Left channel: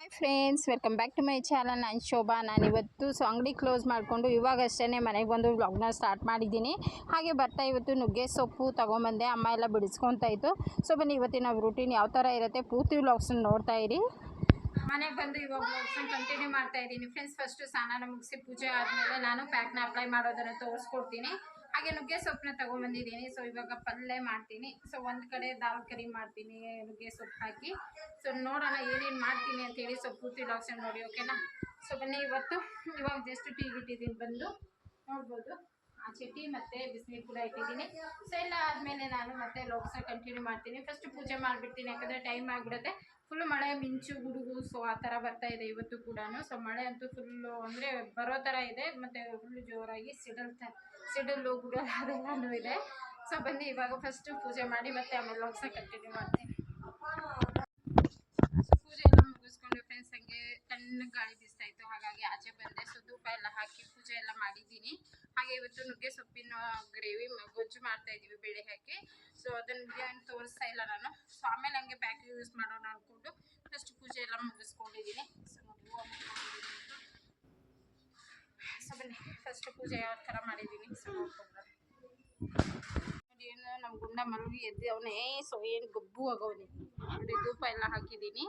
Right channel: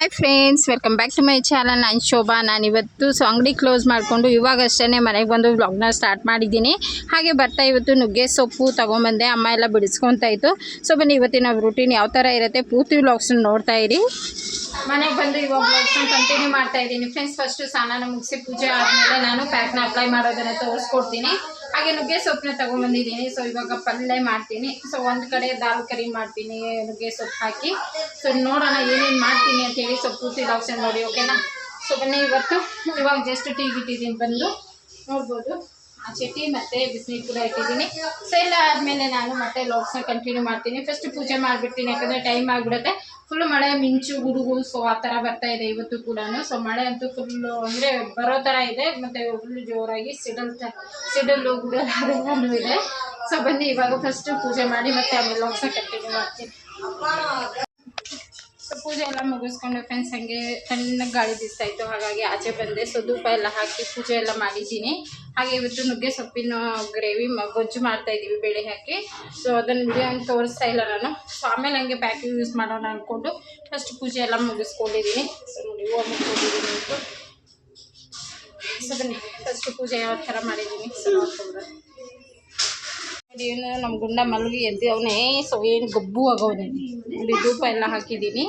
Hi friends welcome back to my channel ನಾನು ಶೋಭಾ ನಾನು ಇವತ್ತು ಸೊ ಅಂಗಡಿ ಕ್ಲೋಸ್ ಮಾಡಿಕೊಂಡು ಇವಾಗಷ್ಟೇ ಮನೆಗೆ ಬಂದು ವ್ಲಾಗ್ನ ಸ್ಟಾರ್ಟ್ ಮಾಡಿದ್ದೀನಿ. ಹಾಗೆ ಬರ್ತಾ ಇವತ್ತು ನುಗ್ಗೆ ಸೊಪ್ಪು ತೊಗೊಂಬಂದೆ. ಅಮ್ಮ ಎಲ್ಲ ಬಿಡಿಸ್ಕೊತಾ ಇತ್ತು. ಸೊ ಬನ್ನಿ, ಇವತ್ತಿನ ರೂಟೀನ್ ಯಾವ ಥರ ಇರುತ್ತೆ ಪೂರ್ತಿ ವ್ಲಾಗ್ಸ್ನ ನೋಡ್ತಾ ಇರಿ. ಮನೆಗೆ ಬಂದು ಇವಾಗ ಬ್ಲಾಗ್ಸ್ ಕಂಟಿನ್ಯೂ ಮಾಡ್ತಾ ಇದ್ದೀನಿ. ಫ್ರೆಂಡ್ಸ್ ಫಸ್ಟು ಸ್ನಾನ ಮುಗಿಸಿ ಪೂಜೆ ಆದಮೇಲೆ ನಾನು ಪ್ಯಾಕ್ನ ಅಪ್ಲೈ ಮಾಡೋದನ್ನು ತೋರಿಸ್ಕೊಡ್ತೀನಿ. ಹಾಗೆ ನುಗ್ಗೆ ಸೊಪ್ಪನ್ನ ತೊಗೊಂಬಂದಿದ್ದೀನಿ ಸೊ ಇವಾಗ ಪಲ್ಯ ಮಾಡ್ತೀನಿ. ಸೊ ಒಂದು ಕಡೆ ದಾಲ್ ಕರಿ ಮಾಡ್ತೀನಿ, ನುಗ್ಗೆ ಸೊಪ್ಪು ಹಾಕಿ. ಸೊ ನೋಡೋಣ ಏನೇನು ಮಾಡ್ತೀನಿ ಅಂತೇಳಿ ಸೊ ಪೂರ್ತಿ ಲಾಕ್ಸನ್ ನೋಡಿ ಓಕೆನಾ ಸೊ ಬನ್ನಿ, ಇವತ್ತು ಇವಾಗ ಜಸ್ಟ್ ಟೀ ಬಿಟ್ಟಿದ್ದೀನಿ ಬಂದು ನೋಡ್ಬೋದು. ಚಟ್ನಿ ಮತ್ತು ಬಿಸಿನೀರು ಕೂಡ ಇಟ್ಟಿದ್ದೀನಿ. ಸೊ ಎಲ್ಲ ಆದಮೇಲೆ ನಾನು ಮತ್ತೆ ಲಾಕ್ಸ್ನ ಕಂಟಿನ್ಯೂ ಮಾಡ್ತೀನಿ. ಫಸ್ಟ್ ಪೂಜೆ ಮಾಡಿಬಿಡ್ತೀನಿ, ಯಾಕಂದರೆ ಟೈಮ್ ಆಗಿಬಿಡುತ್ತೆ. ಫುಲ್ ಮಳೆ, ಮಿಂಚು, ಗುಡುಗು ಸೊ ಆ ಥರ ಬರ್ತಾ ಇದೆ ಇವತ್ತು ಕೂಡ ಸೊ ಮಳೆ ಅಂತೂ ಫುಲ್ಲು ಅಂದರೆ ಬರೋ ಥರ ಇದೆ, ಮತ್ತು ಫುಲ್ಲು ಜೋರಾಗಿ ಸಿಡಲ್ ತ, ಸಿಡಲು, ಗುಡಲ್ ಅದೆಲ್ಲನೂ ಇದೆ. ಸೊ ಬನ್ನಿ, ಇವಾಗ ಫಸ್ಟು ಪೂಜೆ ಮಾಡಿ ಮತ್ತೆ ಆಮೇಲೆ ಲಾಕ್ಸ್ನ ಕಂಟಿನ್ಯೂ ಮಾಡ್ತೀನಿ. ಪೂಜೆ ಎಲ್ಲ ಮುಗಿಸ್ಕೊಂಡು ಫ್ರೆಂಡ್ಸ್ ಹಂಗೆ ತಣ್ಣಗೆ ಗಾಳಿ ಬೀಸ್ತಾ ಇತ್ತು, ಹಾಗಾಗಿ ಆಚೆ ಬಂದೆ. ಸೊ ಧೂಪ ಎಲ್ಲ ಹಾಕಿ ಪೂಜೆ ಎಲ್ಲ ಮಾಡಿದ್ದೀನಿ. ಹಾಗೆ ಇವತ್ತು ನುಗ್ಗೆ ಸೊಪ್ಪಿನ ಗ್ರೇವಿ ಗೊಜ್ಜು ಮಾಡ್ತಾ ಇದ್ದೀವಿ, ಬೇಳೆ ಹಾಕಿ. ಸೊ ಅದನ್ನು ವಿಡಿಯೋ ತೋರಿಸ್ತಾ ಇಲ್ಲ ನಾನು. ಸೊ ಆಮೇಲೆ ಹಂಗೆ ಪ್ಯಾಕಿಂಗ್ ಯೂಸ್ ಮಾಡೋಣ ಅಂದ್ಕೊಂಡು ಫಸ್ಟ್ ಪೂಜೆ ಎಲ್ಲ ಮುಗಿಸ್ಕೊಂಡಿದ್ದೀನಿ. ಸೊ ನೋಡಿ, ಹೂವು ಮುಗಿಸ್ಕೊಂಡಿದ್ದೀನಿ ಅಂತ ಸೊ ಬನ್ನಿ ಫಸ್ಟ್ ಪೂಜೆ ಯಾವ ಥರ ಮಾಡಿದ್ದೀನಿ. ಸೊ ನೋಡ್ಕೊಂಡು ಇವನು ನಮ್ಮ ಗುಂಡ ಮಲಗಿ ಎದ್ದು ಅವನೇ ಸೊ ಏನು ಗಬ್ಬು ಆಗವನೇ. ನೋಡಿ ಧೂಪ ಎಲ್ಲ ಹಾಕಿದ್ದೀನಿ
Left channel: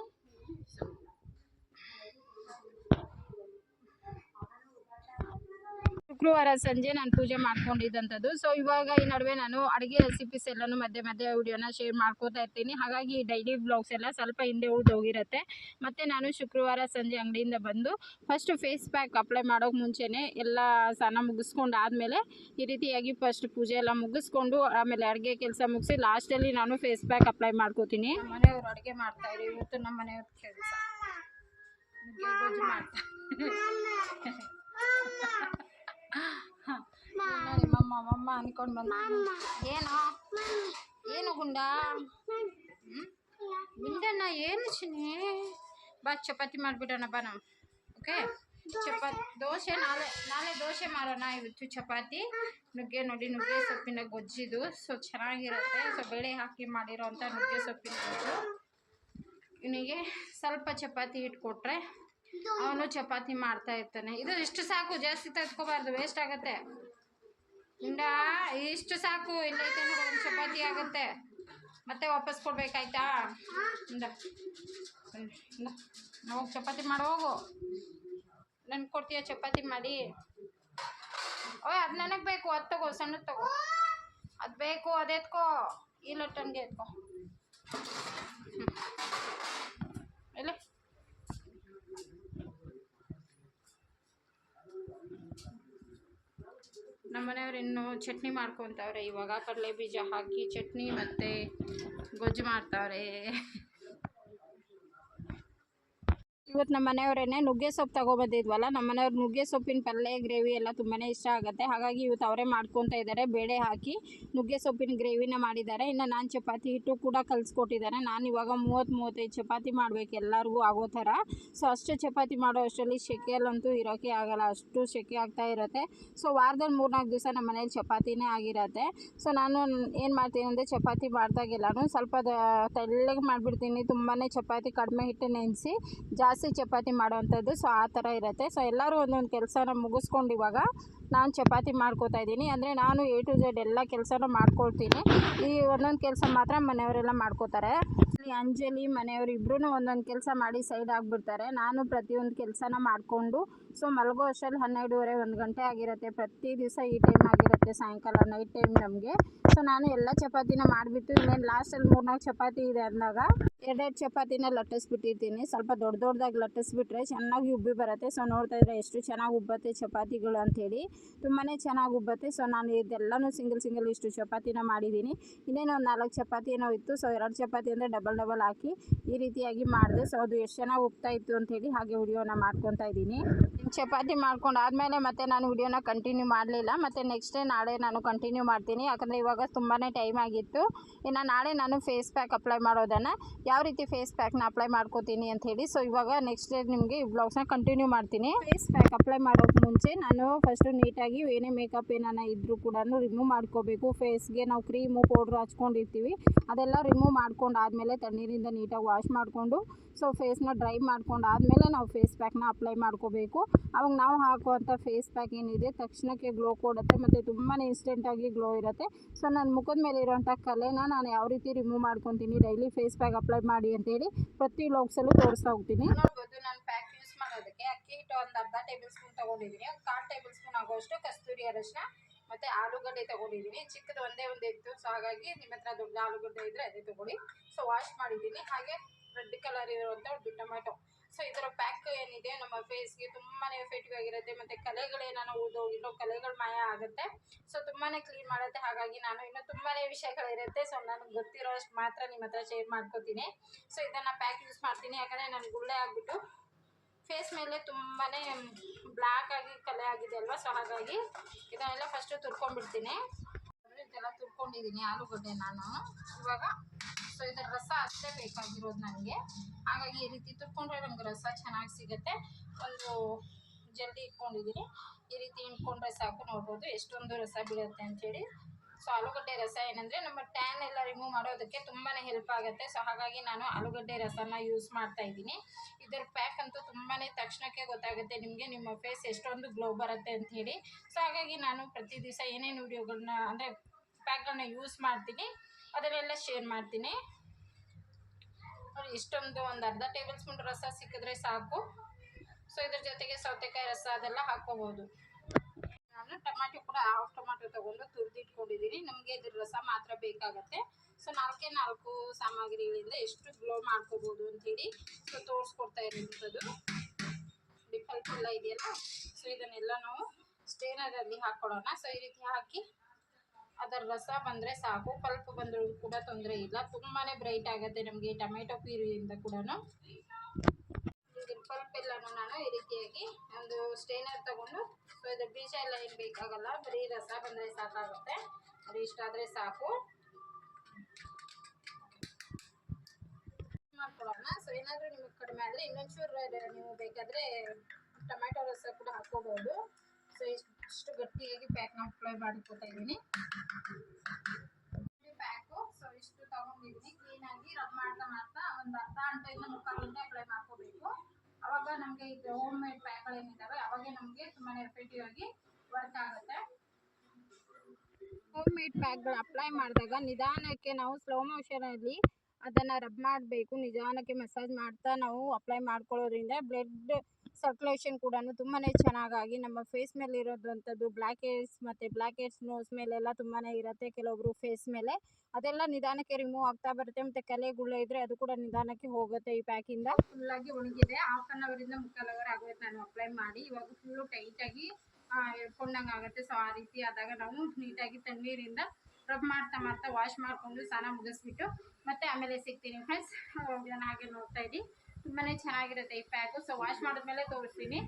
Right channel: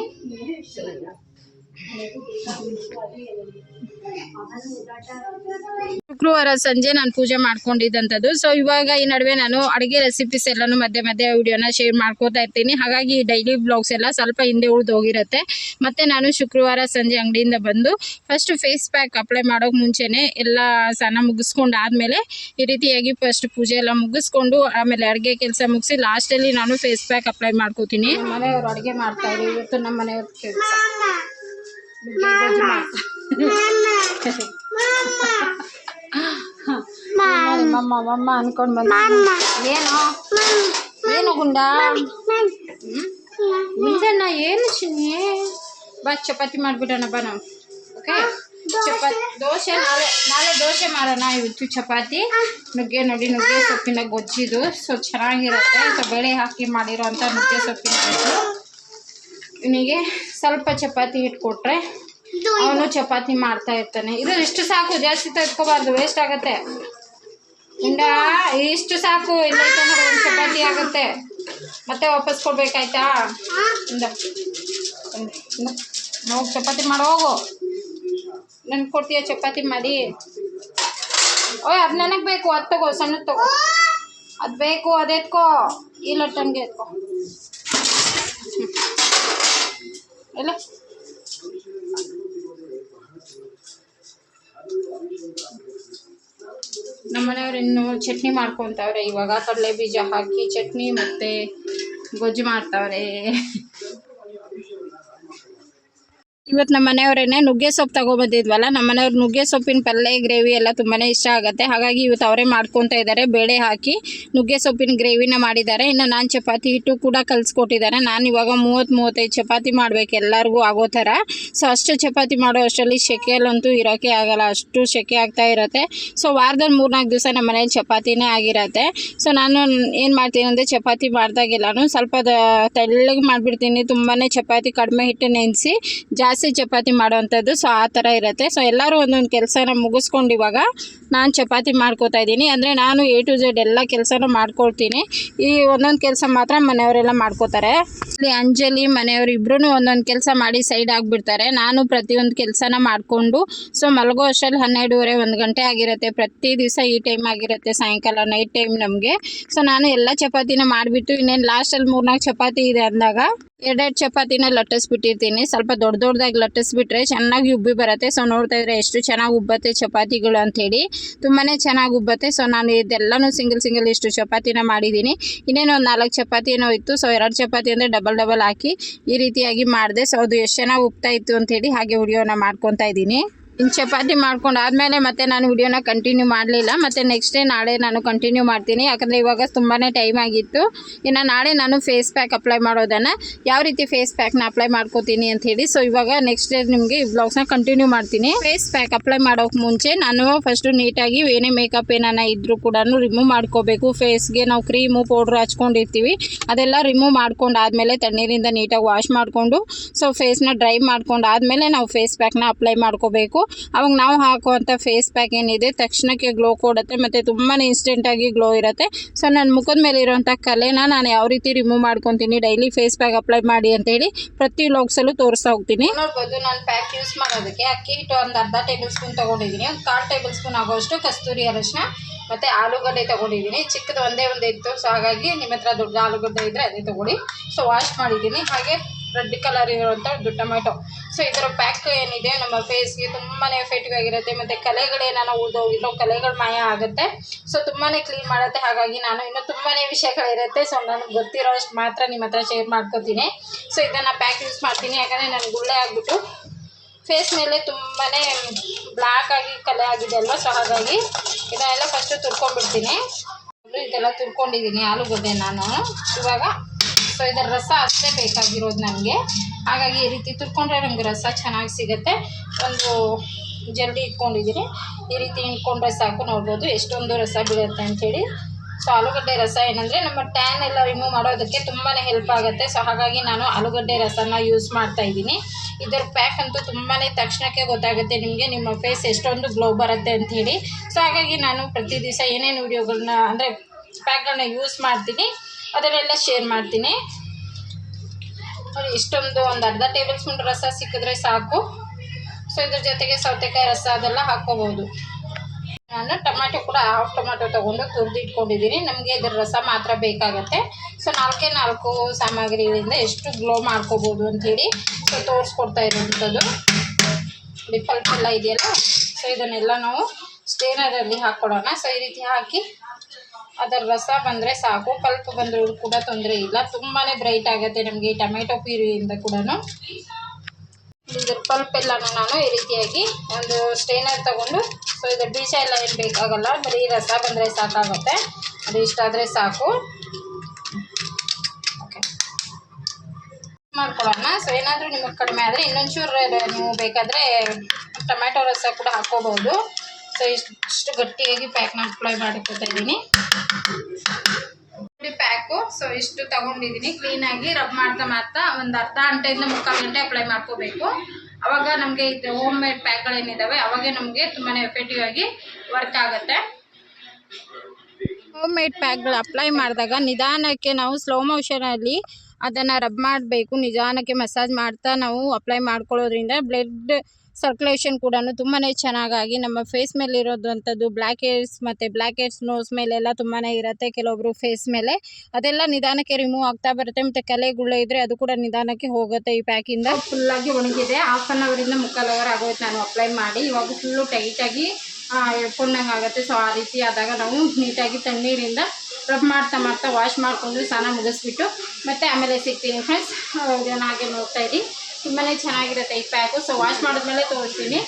ಶುಕ್ರವಾರ ಸಂಜೆ ನಾನು ಪೂಜೆ ಮಾಡ್ಕೊಂಡಿದ್ದಂಥದ್ದು. ಸೊ ಇವಾಗ ಈ ನಡುವೆ ನಾನು ಅಡುಗೆ ರೆಸಿಪೀಸ್ ಎಲ್ಲನೂ ಮಧ್ಯೆ ಮಧ್ಯೆ ವಿಡಿಯೋನ ಶೇರ್ ಮಾಡ್ಕೋತಾ ಇರ್ತೀನಿ. ಹಾಗಾಗಿ ಡೈಲಿ ಬ್ಲಾಗ್ಸ್ ಎಲ್ಲ ಸ್ವಲ್ಪ ಹಿಂದೆ ಉಳಿದು ಹೋಗಿರುತ್ತೆ. ಮತ್ತು ನಾನು ಶುಕ್ರವಾರ ಸಂಜೆ ಅಂಗಡಿಯಿಂದ ಬಂದು ಫಸ್ಟ್ ಫೇಸ್ ಪ್ಯಾಕ್ ಅಪ್ಲೈ ಮಾಡೋಕೆ ಮುಂಚೆನೇ ಎಲ್ಲ ಸ್ನಾನ ಮುಗಿಸ್ಕೊಂಡು ಆದಮೇಲೆ ಈ ರೀತಿಯಾಗಿ ಫಸ್ಟ್ ಪೂಜೆ ಎಲ್ಲ ಮುಗಿಸ್ಕೊಂಡು ಆಮೇಲೆ ಅಡುಗೆ ಕೆಲಸ ಮುಗಿಸಿ ಲಾಸ್ಟಲ್ಲಿ ನಾನು ಫೇಸ್ ಪ್ಯಾಕ್ ಅಪ್ಲೈ ಮಾಡ್ಕೋತೀನಿ. ಮನೆಯವರು ಅಡುಗೆ ಮಾಡ್ತಾರೆ ಇವತ್ತು ನಮ್ಮ ಮನೆಯವ್ರ ಕೆಲಸ. ಮಮ್ಮ ಅನ್ಕೊಂಡು ಬಂದ ಏನು? ಏನು ಗುಂಡ? ಮುಂದಣ್ಣ ಏನು ಚಿನ್ನಿ? ಬಾ, ಚಪಾತಿ ಮಾಡಿಬಿಡೋಣ, ಬಾ ನಾವು. ಓಕೆ ಚಪಾತಿ ದೋಸೆ ನಾಳೆ ನಾಳೆ ದೋಸೆ ಮಾಡೋಣ, ಇವತ್ತು ಚಪಾತಿ. ನುಗ್ಗೆ ನೋಡಿ, ನುಗ್ಗೆ ಸೊಪ್ಪಿನ ಗೊಜ್ಜಿದು. ಸೊ, ಚೆನ್ನಾಗಿರುತ್ತೆ. ಸೊ, ಬೇಳೆ ಹಾಕಿ ಮಾಡಿರೋಂಥ ನುಗ್ಗೆ ಸೊಪ್ಪಿನ ಗೊಜ್ಜು. ಇವನಿಗೆ ಸ್ವಲ್ಪ ಚಪಾತಿ ಇಟ್ಕೊಟ್ರೆ ಅವನು ಚಪಾತಿ ಮಾಡ್ತಾ ಇರ್ತಾನೆ. ಇದು ಇಷ್ಟು ಸಾಕು, ಜಾಸ್ತಿ ತೆಗೆದ್ಕೋಬಾರ್ದು ವೇಸ್ಟ್ ಆಗತ್ತೆ. ಇಂಡ ಇಷ್ಟು ಸಾಕು ಇಲ್ಲ ಒಂದು ಚಪಾತಿ ಆಗುತ್ತೆ. ಮತ್ತೆ ವಾಪಸ್ ಕೊಡ್ಬೇಕಾಯ್ತಾ? ಇಂದ ಹೋಗಿ ಚಪಾತಿ ಮಾಡೋ, ಹೋಗು. ನನ್ಗೆ ಕೊಡ್ತೀಯ ಚಪಾತಿ ಮಾಡಿ? ಓಯ್, ಅದು ನನಗೆ ಬೇಕು, ಅದು ತಗೋ, ಸಣ್ಣದು ತಗೋ. ಅದು ಬೇಕು, ಅದು ಎತ್ಕೋ. ಇಲ್ಲ ತಂಗೆ ಎತ್ಕೋ. ಹ್ಮ್. ನಮ್ಮನೆಯವ್ರು ಇನ್ನು ಚಟ್ನಿ ಮಾಡ್ಕೊತವ್ರೆ ಇವಾಗ ಕಡಲೆ ಬೀಜ ಹಾಕಿ ಚಟ್ನಿ ಮತ್ತು ಗೊಜ್ಜು ಮಾಡ್ತಾವ್ರೆ. ಇವತ್ತು ನಮ್ಮ ಮನೆಯವರೇನೆ ನುಗ್ಗೆ ಸೊಪ್ಪು ತಗೊಬಂದಿದ್ವಲ್ಲ, ನಮ್ಮ ಮನೆಯವ್ರು ನುಗ್ಗೆ ಸೊಪ್ಪಿನ ಪಲ್ಯ ಗ್ರೇವಿ ಎಲ್ಲ ತುಂಬಾ ಇಷ್ಟ ಆಗುತ್ತೆ. ಹಾಗಾಗಿ ಇವತ್ತು ಅವರೇ ಮಾಡ್ಕೊತಾ ಇದ್ದಾರೆ, ಬೇಳೆ ಹಾಕಿ ನುಗ್ಗೆ ಸೊಪ್ಪಿನ ಗ್ರೇವಿನ ಮಾಡಿದ್ದಾರೆ. ಇನ್ನು ನಾನು ಚಪಾತಿ ಹಿಟ್ಟು ಕೂಡ ಕಲಿಸ್ಕೊಟ್ಟಿದ್ದಾರೆ. ನಾನು ಇವಾಗ ಮೂವತ್ತು ಮೂವತ್ತೈದು ಚಪಾತಿ ಮಾಡಬೇಕು ಎಲ್ಲರಿಗೂ ಆಗೋ ಥರ. ಸೊ ಅಷ್ಟು ಚಪಾತಿ ಮಾಡೋ ಅಷ್ಟರಲ್ಲಿ ಸೆಕೆಯಲ್ಲಂತೂ ಇರೋಕ್ಕೆ ಆಗಲ್ಲ, ಅಷ್ಟು ಸೆಕೆ ಆಗ್ತಾ ಇರುತ್ತೆ. ಸೊ ವಾರದಲ್ಲಿ ಮೂರ್ನಾಲ್ಕು ದಿವಸ ನಮ್ಮ ಮನೇಲಿ ಚಪಾತಿನೇ ಆಗಿರತ್ತೆ. ಸೊ ನಾನು ಏನು ಮಾಡ್ತೀನಿ ಅಂದರೆ ಚಪಾತಿ ಮಾಡಿದಾಗೆಲ್ಲನೂ ಸ್ವಲ್ಪ ತೆಳ್ಳಗೆ ಮಾಡಿಬಿಡ್ತೀನಿ. ತುಂಬಾ ಚಪಾತಿ ಕಡಿಮೆ ಹಿಟ್ಟು ನೆನೆಸಿ ಜಾಸ್ತಿ ಚಪಾತಿ ಮಾಡೋವಂಥದ್ದು ಸೊ ಆ ಥರ ಇರುತ್ತೆ. ಸೊ ಎಲ್ಲರೂ ಒಂದೊಂದು ಕೆಲಸನ ಮುಗಿಸ್ಕೊಂಡು ಇವಾಗ ನಾನು ಚಪಾತಿ ಮಾಡ್ಕೋತಾ ಇದ್ದೀನಿ. ಅಂದರೆ ನಾನು ಎ ಟು ಝೆಡ್ ಎಲ್ಲ ಕೆಲಸನೂ ಮಾಡ್ಕೊಳ್ತೀನಿ. ಈ ಒಂದೊಂದು ಕೆಲಸ ಮಾತ್ರ ಮನೆಯವರೆಲ್ಲ ಮಾಡ್ಕೋತಾರೆ. ಇಲ್ಲಿ ಅಂಜಲಿ, ಮನೆಯವರು ಇಬ್ಬರೂ ಒಂದೊಂದು ಕೆಲಸ ಮಾಡಿ ಸೈಡ್ ಆಗಿಬಿಡ್ತಾರೆ. ನಾನು ಪ್ರತಿಯೊಂದು ಕೆಲಸನ ಮಾಡಿಕೊಂಡು, ಸೊ ಮಲಗೋ ಅಷ್ಟರಲ್ಲಿ ಹನ್ನೆರಡೂವರೆ, ಒಂದು ಗಂಟೆ ಆಗಿರುತ್ತೆ. ಪ್ರತಿ ದಿವಸ ಈ ಟೈಮ್ ಆಗಿರುತ್ತೆ, ಸಾಯಂಕಾಲ ನೈಟ್ ಟೈಮ್ ನಮಗೆ. ಸೊ ನಾನು ಎಲ್ಲ ಚಪಾತಿನ ಮಾಡಿಬಿಟ್ಟು, ಇನ್ನೇನು ಲಾಸ್ಟಲ್ಲಿ ಮೂರ್ನಾಲ್ಕು ಚಪಾತಿ ಇದೆ ಅಂದಾಗ, ಎರಡೆರಡು ಚಪಾತಿನ ಲಟ್ಟಿಸ್ಬಿಟ್ಟಿರ್ತೀನಿ. ಸ್ವಲ್ಪ ದೊಡ್ಡ ದೊಡ್ಡದಾಗಿ ಲಟ್ಟಿಸ್ಬಿಟ್ರೆ ಚೆನ್ನಾಗಿ ಉಬ್ಬಿ ಬರುತ್ತೆ. ಸೊ ನೋಡ್ತಾ ಇದ್ರೆ ಎಷ್ಟು ಚೆನ್ನಾಗಿ ಉಬ್ಬತ್ತೆ ಚಪಾತಿಗಳು ಅಂಥೇಳಿ ತುಂಬಾ ಚೆನ್ನಾಗಿ ಉಬ್ಬತ್ತೆ. ಸೊ ನಾನು ಇದೆಲ್ಲನೂ ಸಿಂಗಲ್ ಸಿಂಗಲ್ ಇಷ್ಟು ಚಪಾತಿನ ಮಾಡಿದ್ದೀನಿ. ಇನ್ನೇನು ಒಂದು ನಾಲ್ಕು ಚಪಾತಿ ಏನೋ ಇತ್ತು. ಸೊ ಎರಡು ಚಪಾತಿ ಅಂದರೆ ಡಬಲ್ ಡಬಲ್ ಹಾಕಿ ಈ ರೀತಿಯಾಗಿ ಮಾಡಿದೆ. ಸೊ ಅದು ಎಷ್ಟು ಚೆನ್ನಾಗಿ ಉಬ್ತಾ ಇತ್ತು ಅಂಥೇಳಿ ಹಾಗೆ ವಿಡಿಯೋನ ಮಾಡ್ಕೊತಾ ಇದ್ದೀನಿ. ಇನ್ನು ಚಪಾತಿ ಮಾಡ್ಕೊಂಡು ಆದಮೇಲೆ ಮತ್ತೆ ನಾನು ವಿಡಿಯೋನ ಕಂಟಿನ್ಯೂ ಮಾಡಲಿಲ್ಲ. ಮತ್ತು ನೆಕ್ಸ್ಟ್ ಡೇ ನಾಳೆ ನಾನು ಕಂಟಿನ್ಯೂ ಮಾಡ್ತೀನಿ. ಯಾಕಂದರೆ ಇವಾಗ ತುಂಬಾ ಟೈಮ್ ಆಗಿತ್ತು. ಇನ್ನು ನಾಳೆ ನಾನು ಫೇಸ್ ಪ್ಯಾಕ್ ಅಪ್ಲೈ ಮಾಡೋದನ್ನು ಯಾವ ರೀತಿ ಫೇಸ್ ಪ್ಯಾಕ್ನ ಅಪ್ಲೈ ಮಾಡ್ಕೋತೀನಿ ಅಂತ ಹೇಳಿ. ಸೊ ಇವಾಗ ನೆಕ್ಸ್ಟ್ ಡೇ ನಿಮಗೆ ಈ ಬ್ಲಾಗ್ಸ್ನ ಕಂಟಿನ್ಯೂ ಮಾಡ್ತೀನಿ. ಫೇಸ್ ಪ್ಯಾಕ್ ಅಪ್ಲೈ ಮಾಡೋಕೆ ಮುಂಚೆ ನಾನು ಫಸ್ಟು ನೀಟಾಗಿ ಏನೇ ಮೇಕಪ್ ಏನಾನ ಇದ್ದರೂ ಕೂಡ ರಿಮೂವ್ ಮಾಡ್ಕೋಬೇಕು. ಫೇಸ್ಗೆ ನಾವು ಕ್ರೀಮು ಪೌಡ್ರ್ ಹಚ್ಕೊಂಡಿರ್ತೀವಿ. ಅದೆಲ್ಲ ರಿಮೂವ್ ಮಾಡ್ಕೊಂಡು ಆದಮೇಲೆ ತಣ್ಣೀರಿಂದ ನೀಟಾಗಿ ವಾಶ್ ಮಾಡಿಕೊಂಡು ಸೊ ಫೇಸ್ನ ಡ್ರೈ ಮಾಡ್ಕೊಂಡು ಆದಮೇಲೆ ನಾವು ಫೇಸ್ ಪ್ಯಾಕ್ನ ಅಪ್ಲೈ ಮಾಡ್ಕೋಬೇಕು. ಅವಾಗ ನಾವು ಹಾಕುವಂಥ ಫೇಸ್ ಪ್ಯಾಕ್ ಏನಿದೆ, ತಕ್ಷಣಕ್ಕೆ ಗ್ಲೋ ಕೊಡುತ್ತೆ, ಮತ್ತು ತುಂಬಾ ಇನ್ಸ್ಟೆಂಟಾಗಿ ಗ್ಲೋ ಇರುತ್ತೆ. ಸೊ ನನ್ನ ಮುಖದ ಮೇಲೆ ಇರುವಂಥ ಕಲೆನ ನಾನು ಯಾವ ರೀತಿ ರಿಮೂವ್ ಮಾಡ್ಕೊತೀನಿ ಡೈಲಿ ಫೇಸ್ ಪ್ಯಾಕ್ ಅಪ್ಲೈ ಮಾಡಿ ಅಂತೇಳಿ ಪ್ರತಿ ಲೋಕ್ಸಲ್ಲೂ ತೋರಿಸ್ತಾ ಹೋಗ್ತೀನಿ. ನೋಡ್ಬೋದು ನಾನು ಪ್ಯಾಕ್ ಯೂಸ್ ಮಾಡೋದಕ್ಕೆ ಅಕ್ಕಿ ಹಿಟ್ಟು ಒಂದು ಅರ್ಧ ಟೇಬಲ್ ಸ್ಪೂನ್ ತೊಗೊಂಡಿದ್ದೀನಿ, ಒಂದು ಕಾಲು ಟೇಬಲ್ ಸ್ಪೂನ್ ಆಗೋಷ್ಟು ಕಸ್ತೂರಿ ಅರಶಿನ, ಮತ್ತು ಆಲೂಗಡ್ಡೆ ತೊಗೊಂಡಿದ್ದೀನಿ. ಚಿಕ್ಕದು ಒಂದೇ ಒಂದು ಇತ್ತು ಸೊ ಹಾಗಾಗಿ ನಿಮ್ಮ ಹತ್ರ ದೊಡ್ಡ ಆಲೂಗಡ್ಡೆ ಇದ್ದರೆ ಅದೇ ತೊಗೊಳ್ಳಿ. ಸೊ ವಾಶ್ ಮಾಡಿದ್ದೀನಿ. ಹಾಗೆ ರೆಡ್ ಕಲರ್ ಇರುವಂಥ ಟೊಮೆಟೊ ಸೊ ಇದರ ಪ್ಯಾಕ್ ಏನಿದೆ, ನಮ್ಮ ಫೇಸ್ಗೆ ತುಂಬಾ ಎಫೆಕ್ಟಿವ್ ಆಗಿರುತ್ತೆ. ಮತ್ತು ಕಲೆಗಳೇನಾನ ಉಳಿದೋಗಿರೋ ಕಲೆಗಳು ಮಾಯ ಆಗುತ್ತೆ. ಸೊ ತುಂಬಾ ಕ್ಲೀನ್ ಮಾಡುತ್ತೆ. ಹಾಗಾಗಿ ನಾನು ಇನ್ನೂ ತುಂಬಾ ವಿಷಯಗಳಿರುತ್ತೆ. ಸೊ ನನಗೆ ಗೊತ್ತಿರೋ ಅಷ್ಟು ಮಾತ್ರ ನಿಮ್ಮ ಹತ್ರ ಶೇರ್ ಮಾಡ್ಕೊತೀನಿ. ಸೊ ಇದನ್ನು ಪ್ಯಾಕ್ ಯೂಸ್ ಮಾಡ್ತೀನಿ. ಯಾಕಂದರೆ ನನಗೆ ಗುಳ್ಳೆ ಆಗಿಬಿಟ್ಟು ಫೇಸ್ ಮೇಲೆ ತುಂಬಾ ಬ್ಲ್ಯಾಕ್ ಆಗಿ ಕಲೆ ಆಗಿದೆ ಅಲ್ವಾ? ಸೊ ಹಾಗಾಗಿ ಇದನ್ನೆಲ್ಲ ಫಸ್ಟು ತುರ್ಕೊಂಡ್ಬಿಡ್ತೀನಿ. ಇದೆಲ್ಲ ತುರ್ಕೊಂಡಿದ್ದೀನಿ. ಆಲೂಗಡ್ಡೆ ನಾನು. ಇವಾಗ ಸೊ, ಇದರ ರಸ ಅಷ್ಟೇ ಬೇಕಾಗಿರೋದು ನನಗೆ ಹಾಗಾಗಿ ಈ ರೀತಿ ತುರ್ಕೊಂಡ್ರೆ ನಮಗೆ ರಸ ಚೆನ್ನಾಗಿ ಸಿಗುತ್ತೆ. ಒಂದು ಜರಡಿ ಇಟ್ಕೊಂಡಿದ್ದೀನಿ ಈ ರೀತಿ ಇಟ್ಕೊಂಡ್ರೆ ಸಾಕು, ನೋಡ್ಬೋದು ಎಷ್ಟೊಂದು ರಸ ಬೀಳುತ್ತೆ ಅಂಥೇಳಿ. ಸೊ, ಆಲೂಗಡ್ಡೆ ರಸ ಏನಂದರೆ ನಮ್ಮ ಟ್ಯಾನ್ ಎಲ್ಲ ರಿಮೂವ್ ಮಾಡೋದಕ್ಕೆ ತುಂಬಾ ಹೆಲ್ಪ್ ಆಗುತ್ತೆ. ಸೊ, ಹಾಗಾಗಿ ನಾನು ಆಲೂಗಡ್ಡೆ ರಸನ ಯೂಸ್ ಮಾಡ್ತಾ ಇದ್ದೀನಿ. ಇದರ ಪ್ಯಾಕ್ ಅಂತೂ ತುಂಬಾ ತಕ್ಷಣಕ್ಕೆ ಗೊತ್ತಾಗುತ್ತೆ ನಿಮಗೆ, ನಿಮ್ಮ ಫೇಸ್ ಎಷ್ಟೊಂದು ಗ್ಲೋ ಬರುತ್ತೆ ಅಂಥೇಳಿ. ಸೊ, ಹಾಗಾಗಿ ನಾನು ಪ್ರತಿ ದಿವಸ ಏನೇನು ವೀಡಿಯೋಗಳನ್ನ ಅಂದರೆ ಪ್ಯಾಕ್ಗಳನ್ನ ಯೂಸ್ ಮಾಡ್ತೀನಿ. ಅದನ್ನೆಲ್ಲ ಶೇರ್ ಮಾಡ್ತೀನಿ. ಇಷ್ಟೊಂದು ಒಂದು ಅರ್ಧ ಟೇಬಲ್ ಸ್ಪೂನ್ ರಸ ಸಿಕ್ಕಿದ್ರೆ ಸಾಕು. ಸೊ ಇದ್ರ ಜೊತೆಗೆ ಸೌತೆಕಾಯಿ ರಸ ಅದೆಲ್ಲ ಹಾಕ್ಕೋಬೋದು. ನಾನು ಟೊಮ್ಯಾಟೊ ಕೂಡ ಹಾಫ್ ಟೊಮ್ಯಾಟೊ ತೊಗೊಂಡು ತುರಿದು ಇಟ್ಕೊಂಡಿದ್ದೀನಿ. ನಮಗೆ ಇದ್ರ ರಸ ಮಾತ್ರ ಬೇಕಾಗತ್ತೆ. ಸೊ ನಾಲ್ಕೇ ನಾಲ್ಕು ಸಾಮಗ್ರಿಗಳಿಂದ ಎಷ್ಟು ಗ್ಲೋ ಮಾಡ್ಕೋಬೋದು ಅಂಥೇಳಿ ಸೊ ತೋರಿಸ್ಕೊಡ್ತಾ ಇರೋವಂಥದ್ದು ಡಿಫಲ್ಟ್ ಎಲ್ಲ ಇದೆಯಲ್ಲ? ಸೊ ಇದನ್ನೆಲ್ಲ ನಾವು ಸ್ಟೇನರಲ್ಲಿ ಹಾಕ್ಕೊಡೋಣ. ಸೊ ಈ ರೀತಿ ಹಾಕಿ ಅದರ ರಸ ಬಂದರೆ ಸಾಕು, ಪಲ್ಪ್ ಬಂದರೂ ಕೂಡ ತೊಂದರೆ ಇಲ್ಲ. ತುಂಬಾ ಬ್ರೈಟ್ ಆಗುತ್ತೆ ನಮಗೆ ಟೊಮೆಟೊ ಪ್ಯೂರಿಯಿಂದ ಕೂಡ ಇದ್ರ ಪಲ್ಪ್ ಎಲ್ಲನೂ ನಾನು ಈ ರೀತಿಯಾಗಿ ಒಂದು ಸ್ಟೇನರ್ ತಗೊಂಡು, ಸೊ ಇದು ಬೀಜ ಎಲ್ಲ ಏನು ಬೇಕಾಗಲ್ಲ, ಬರೀ ರಸ ಬಂದರೆ ಸಾಕಾಗುತ್ತೆ. ಅದು ಇಷ್ಟಾದರೆ ಸಾಕು. ಮಾಡ್ಕೊಳ್ಳೋಣ. ಸೊ ಏನಾದರೂ ನಿಮಗೆ ಕಡಿಮೆ ಆದರೆ ಇನ್ನೊಂಚೂರು ನೀವು ಬೇಕಾದರೆ ಟೊಮೆಟೊ ರಸ ಕೂಡ ಹಾಕ್ಕೋಬೋದು. ಸೊ ಇಷ್ಟು ಗಟ್ಟಿಯಾಗಿ ಪ್ಯಾಕ್ನ ಅಪ್ಲೈ ಮಾಡ್ಕೊತಾ ಇದ್ದೀನಿ. ಪ್ಯಾಕು ಸೊ ಇಷ್ಟು ತಗೊಂಡಿದ್ದೀನಿ. ಕ್ಲೀನಾಗಿ ರಬ್ ಮಾಡ್ತಾ ಮಾಡ್ತಾ ಒಂದು ಅರ್ಧ ಗಂಟೆಯಿಂದ ಮುಕ್ಕಾಲು ಗಂಟೆ ಅಪ್ಲೈ ಮಾಡ್ಕೋಬೇಕು. ಅವಾಗ ನಮಗೆ ಇದು ಹೋಮ್ ಮೇಡ್ ಪ್ಯಾಕ್ಗಳೇನಿದ್ದಾವೆ ಅವಾಗೆ ನಮಗೆ ತುಂಬಾ ಎಫೆಕ್ಟಿವ್ ಆಗಿ ವರ್ಕ್ ಆಗುತ್ತೆ. ಹೋಮ್ ಮೇಡ್ ಪ್ಯಾಕ್ಗಳು ಅಪ್ಲೈ ಮಾಡಿದಾಗ ನಿಧಾನಕ್ಕೆ ನಾವು ಸ್ಲೋ ಮೋಷನಲ್ಲಿ ಅದನ್ನು ರಬ್ ಮಾಡಬೇಕು. ನಿಧಾನಕ್ಕೆ ಮಸಾಜ್ ಮಾಡ್ತಾ ನಾವು ಅಪ್ಲೈ ಮಾಡ್ಕೊಳ್ಳೋದ್ರಿಂದ ಬ್ಲಡ್ ಸರ್ಕ್ಯುಲೇಷನ್ ಕೂಡ ತುಂಬಾ ಚೆನ್ನಾಗಾಗಿ ನಮ್ಮ ಫೇಸ್ ಮೇಲೆ ಇರೋದಂಥದ್ದು ಬ್ಲ್ಯಾಕ್ ಹೇರ್ಸ್ ಮತ್ತು ಬ್ಲ್ಯಾಕ್ ಹೇರ್ಸ್ ನೋಸ್ ಮೇಲೆಲ್ಲ ತುಂಬಾ ಇರುತ್ತೆ. ಕೆಲವೊಬ್ರು ಫೇಸ್ ಮೇಲೆ ಅದೆಲ್ಲ ನಿಧಾನಕ್ಕೆ ರಿಮೂವ್ ಆಗ್ತಾ ಬರುತ್ತೆ ಮತ್ತು ಕಲೆ ಇದ್ದರೆ ಅದು ಕೂಡ ನಿಧಾನಕ್ಕೆ ಹೋಗುತ್ತೆ ಈ ಪ್ಯಾಕಿಂದ ಫುಲ್ಲಾಗಿ ಒಣಗಿದೆ. ಹಾಫ್ ಆನ್ ಅವರಿಂದ ಮುಕ್ಕಾಲು ಅವರ್ ಆಗೋಯ್ತು ನಾನು ಅಪ್ಲೈ ಮಾಡಿ. ಇವಾಗ ಫುಲ್ಲು ಟೈಟಾಗಿ ಎಳ್ಕೊಂಡಂಗೆ ಆಗುತ್ತೆ. ಸೊ ಆ ರೀತಿ ಆದಾಗ ನಾವು ನೀಟಾಗಿ ತಣ್ಣೀರಿಂದ ರಬ್ ಮಾಡ್ತಾ ಮಾಡ್ತಾ ವಾಶ್ ಮಾಡಿಕೊಂಡು ಸ್ನಾನ ಮುಗಿಸ್ಬಿಟ್ಟು ಮತ್ತು ಆಮೇಲೆ ಸಿಗ್ತೀನಿ ಫ್ರೆಂಡ್ಸ್ ಇದನ್ನು ಹಾಗೆ ನೋಡ್ತಾ ಇರಿ. ತುಂಬಾ ಚೆನ್ನಾಗಿರುತ್ತೆ ಈ ಪ್ಯಾಕು. ಸೊ ವಾಶ್ ಮಾಡಿದ್ಮೇಲೆ ತೋರಿಸ್ತೀನಿ.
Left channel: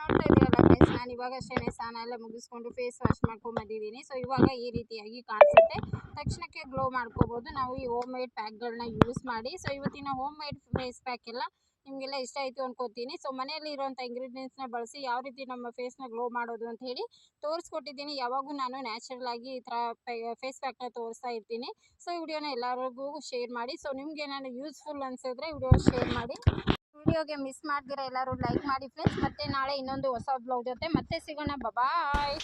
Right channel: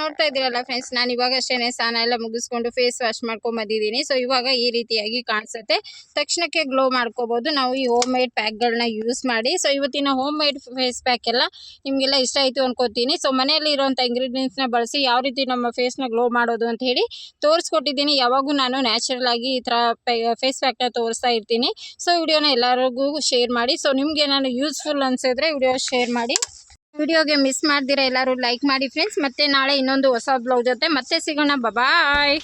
ನೋಡ್ತಾ ಇದ್ದೀರಲ್ಲ ಫ್ರೆಂಡ್ಸ್ ನಾನು ಇವಾಗ ಅಷ್ಟೇ ಸ್ನಾನ ಎಲ್ಲ ಮುಗಿಸ್ಕೊಂಡು ಫೇಸ್ ವಾಶ್ ಮಾಡ್ಕೊಂಡು ಬಂದಿದ್ದೀನಿ ಸೊ ಇವಾಗ ಈ ರೀತಿಯಾಗಿ ಕಾಣಿಸುತ್ತೆ. ತಕ್ಷಣಕ್ಕೆ ಗ್ಲೋ ಮಾಡ್ಕೋಬೋದು. ನಾವು ಈ ಹೋಮ್ ಮೇಡ್ ಪ್ಯಾಕ್ಗಳನ್ನ ಯೂಸ್ ಮಾಡಿ. ಸೊ ಇವತ್ತಿನ ಹೋಮ್ ಮೇಡ್ ಫೇಸ್ ಪ್ಯಾಕ್ ಎಲ್ಲ ನಿಮಗೆಲ್ಲ ಇಷ್ಟ ಆಯಿತು ಅನ್ಕೋತೀನಿ. ಸೊ ಮನೆಯಲ್ಲಿ ಇರುವಂಥ ಇಂಗ್ರೀಡಿಯೆಂಟ್ಸ್ನ ಬಳಸಿ ಯಾವ ರೀತಿ ನಮ್ಮ ಫೇಸ್ನ ಗ್ಲೋ ಮಾಡೋದು ಅಂತ ಹೇಳಿ ತೋರಿಸ್ಕೊಟ್ಟಿದ್ದೀನಿ. ಯಾವಾಗೂ ನಾನು ನ್ಯಾಚುರಲ್ ಆಗಿ ಈ ಥರ ಫೇಸ್ ಪ್ಯಾಕ್ನ ತೋರಿಸ್ತಾ ಇರ್ತೀನಿ. ಸೊ ವಿಡಿಯೋನ ಎಲ್ಲರಿಗೂ ಶೇರ್ ಮಾಡಿ. ಸೊ ನಿಮ್ಗೆ ನಾನು ಯೂಸ್ಫುಲ್ ಅನಿಸಿದ್ರೆ ವಿಡಿಯೋ ಶೇರ್ ಮಾಡಿ. ವಿಡಿಯೋಗೆ ಮಿಸ್ ಮಾಡ್ದಿರ ಎಲ್ಲರೂ ಲೈಕ್ ಮಾಡಿ ಫ್ರೆಂಡ್ಸ್. ಮತ್ತೆ ನಾಳೆ ಇನ್ನೊಂದು ಹೊಸ ಬ್ಲೌಸ್ ಜೊತೆ ಮತ್ತೆ ಸಿಗೋಣ. ಬಾಯ್